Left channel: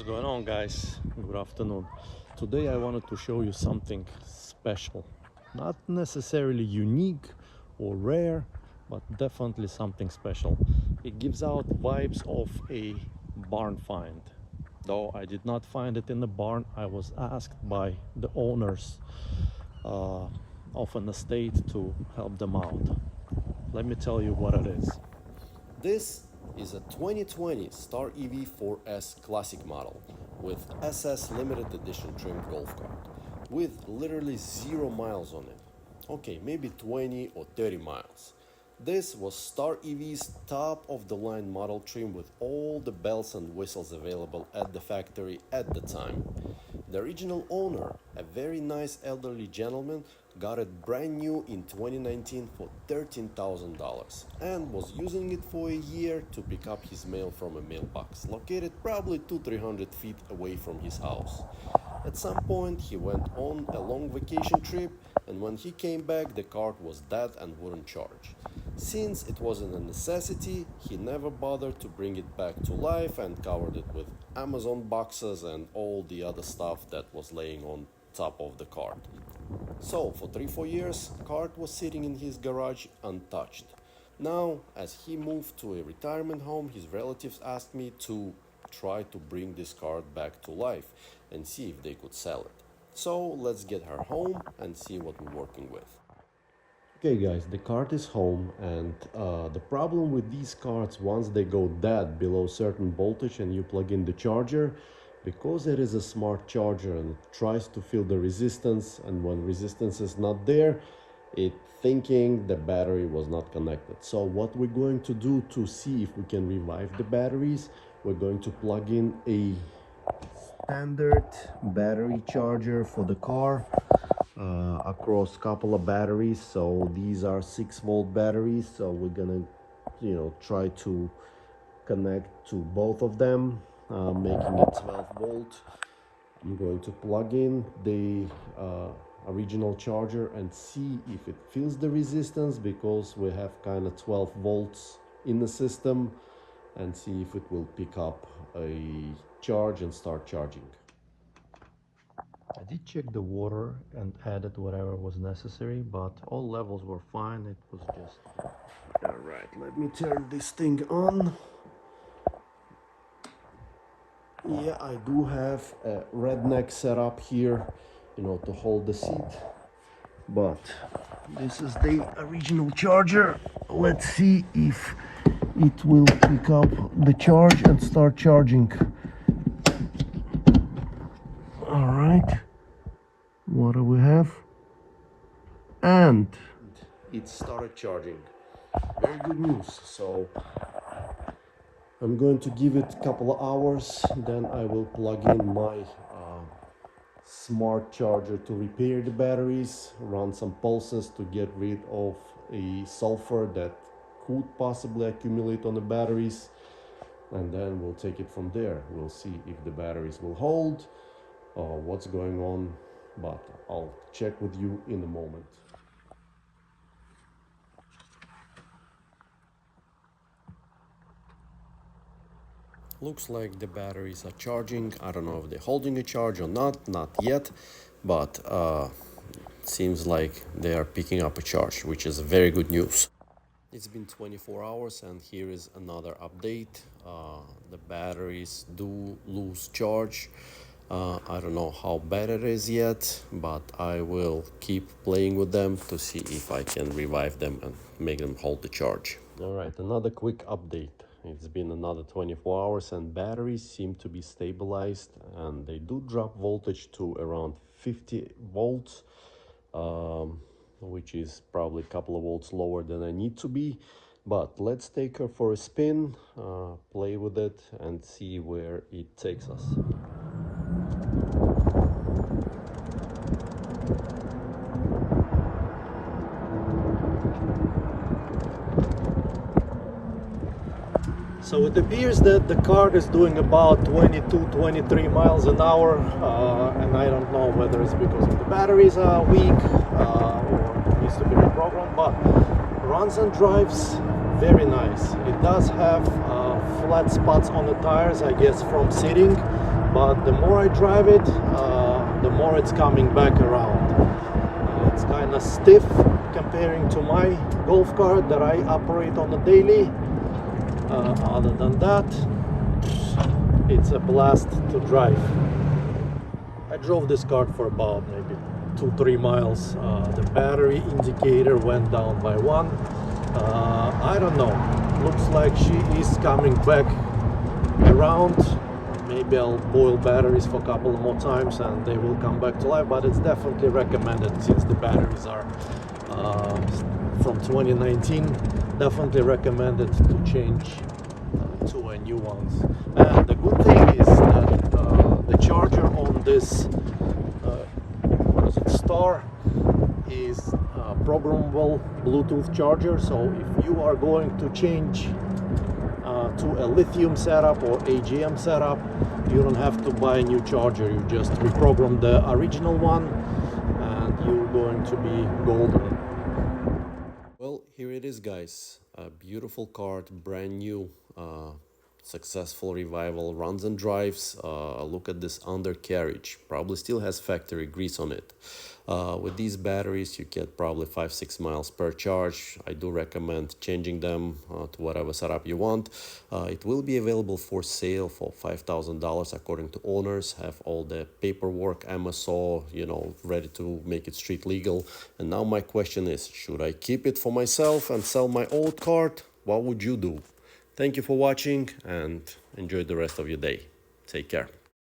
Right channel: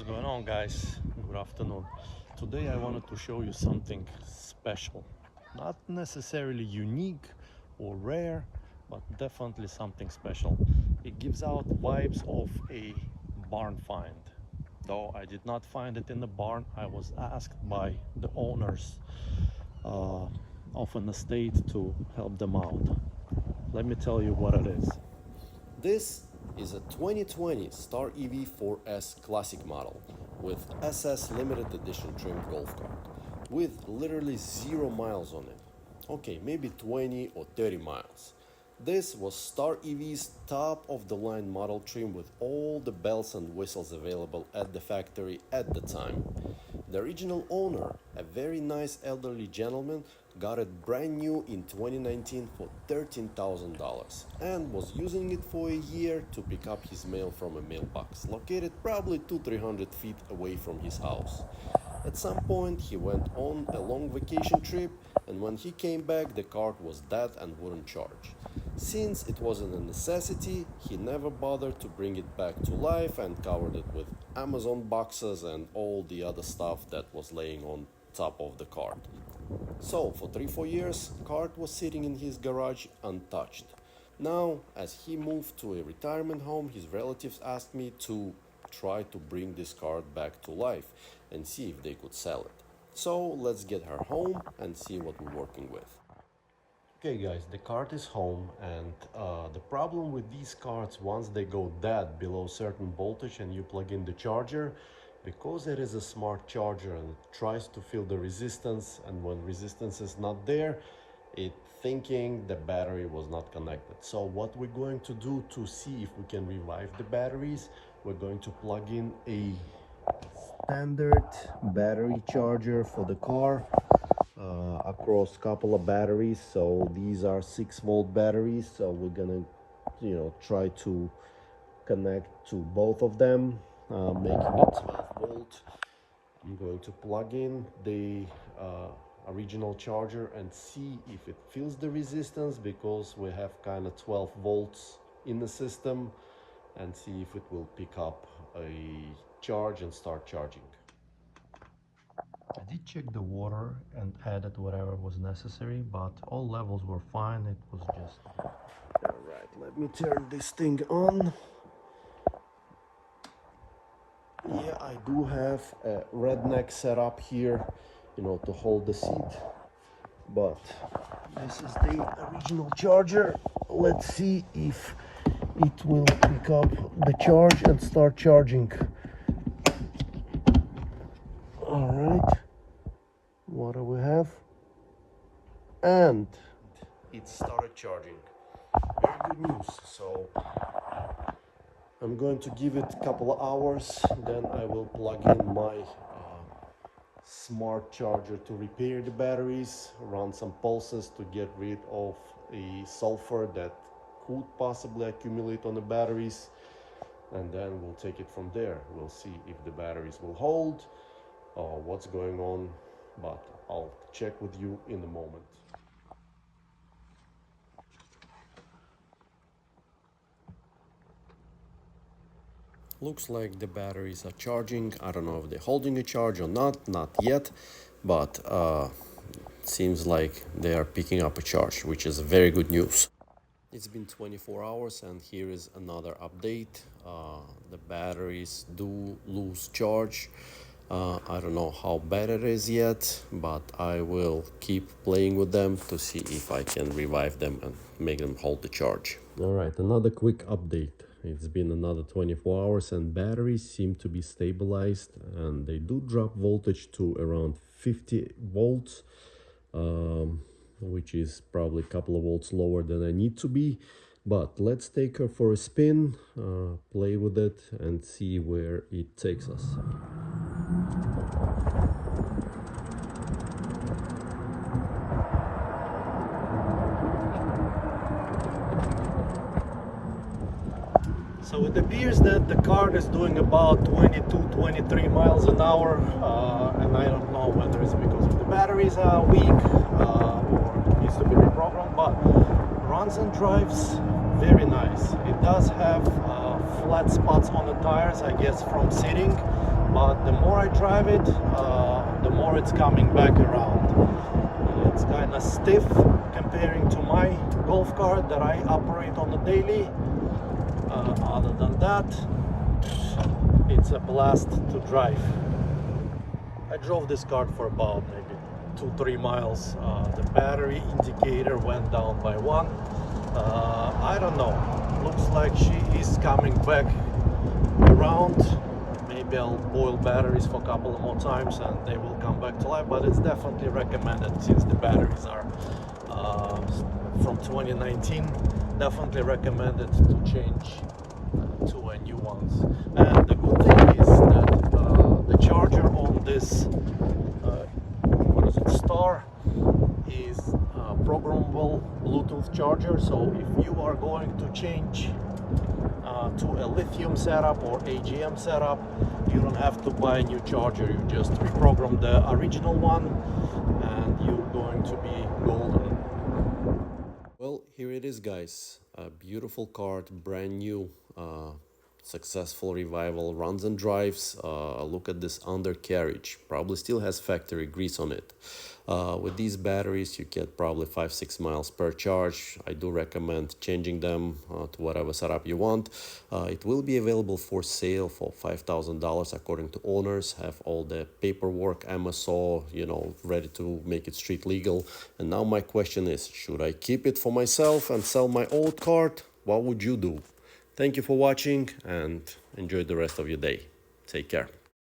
What's going on, guys? Good afternoon. Today I wanted to show you something special. Not necessarily unique or rare, but definitely something special. It gives out vibes of a barn find. Though I did not find it in the barn, I was asked by the owners of an estate to help them out. Let me tell you what it is. This is a 2020 Star EV 4S Classic model with SS limited edition trim golf cart with literally 0 miles on it. Okay, maybe 20 or 30 miles. This was Star EV's top of the line model trim with all the bells and whistles available at the factory at the time. The original owner, a very nice elderly gentleman, got it brand new in 2019 for $13,000 and was using it for a year to pick up his mail from a mailbox located probably 200-300 feet away from his house. At some point he went on a long vacation trip, and when he came back the cart was dead and wouldn't charge. Since it wasn't a necessity, he never bothered to bring it back to life and covered it with Amazon boxes and all the other stuff that was laying on top of the cart. So for 3-4 years, cart was sitting in his garage untouched. Now, as he moved to a retirement home, his relatives asked me to try to bring this cart back to life and see if they could sell it. So let's get her home and see what we're working with. Okay guys, the cart is home, and the problem with these carts, once they go dead below certain voltage and you plug in the charger, because it is a smart charger and it tries to feel the resistance, and when resistance is not there, it thinking the battery was not connected. So what we're going to do to see if we can revive the batteries, we're going to plug in a standard battery charger for the car across a couple of batteries. So these are 6-volt batteries, so we're gonna try to connect to both of them, making it 12 volt. I'm going to plug in the original charger and see if it feels the resistance, because we have kind of 12 volts in the system, and see if it will pick up a charge and start charging. I did check the water and added whatever was necessary, but all levels were fine. It was just... Alright, let me turn this thing on. Yeah, I do have a redneck setup here, to hold the seat. But this is the original charger. Let's see if it will pick up the charge and start charging. Alright, what do we have? And it started charging. Very good news. So I'm going to give it a couple of hours, then I will plug in my smart charger to repair the batteries, run some pulses to get rid of a sulfur that could possibly accumulate on the batteries, and then we'll take it from there. We'll see if the batteries will hold, what's going on, but I'll check with you in a moment. Looks like the batteries are charging. I don't know if they're holding a charge or not yet, but seems like they are picking up a charge, which is very good news. It's been 24 hours and here is another update. The batteries do lose charge. I don't know how bad it is yet, but I will keep playing with them to see if I can revive them and make them hold the charge. All right, another quick update. It's been another 24 hours and batteries seem to be stabilized, and they do drop voltage to around 50 volts, which is probably a couple of volts lower than I need to be. But let's take her for a spin, play with it and see where it takes us. So it appears that the cart is doing about 22-23 miles an hour, and I don't know whether it's because the batteries are weak or needs to be reprogrammed, but runs and drives very nice. It does have flat spots on the tires, I guess from sitting, but the more I drive it, the more it's coming back around. It's kind of stiff comparing to my golf cart that I operate on the daily. Other than that, it's a blast to drive. I drove this cart for about maybe 2-3 miles. The battery indicator went down by 1. I don't know, looks like she is coming back around. Maybe I'll boil batteries for a couple more times and they will come back to life, but it's definitely recommended since the batteries are from 2019. Definitely recommended to change to a new ones. And the good thing is that the charger on this Star is a programmable Bluetooth charger, so if you are going to change to a lithium setup or AGM setup, you don't have to buy a new charger. You just reprogram the original one and you're going to be golden. Well, here it is, guys. A beautiful cart, brand new, successful revival, runs and drives. Look at this undercarriage, probably still has factory grease on it. With these batteries you get probably 5-6 miles per charge. I do recommend changing them to whatever setup you want. It will be available for sale for $5,000 according to owners. Have all the paperwork, MSO, you know, ready to make it street legal. And now my question is, should I keep it for myself and sell my old cart? What would you do? Thank you for watching and enjoy the rest of your day. Take care.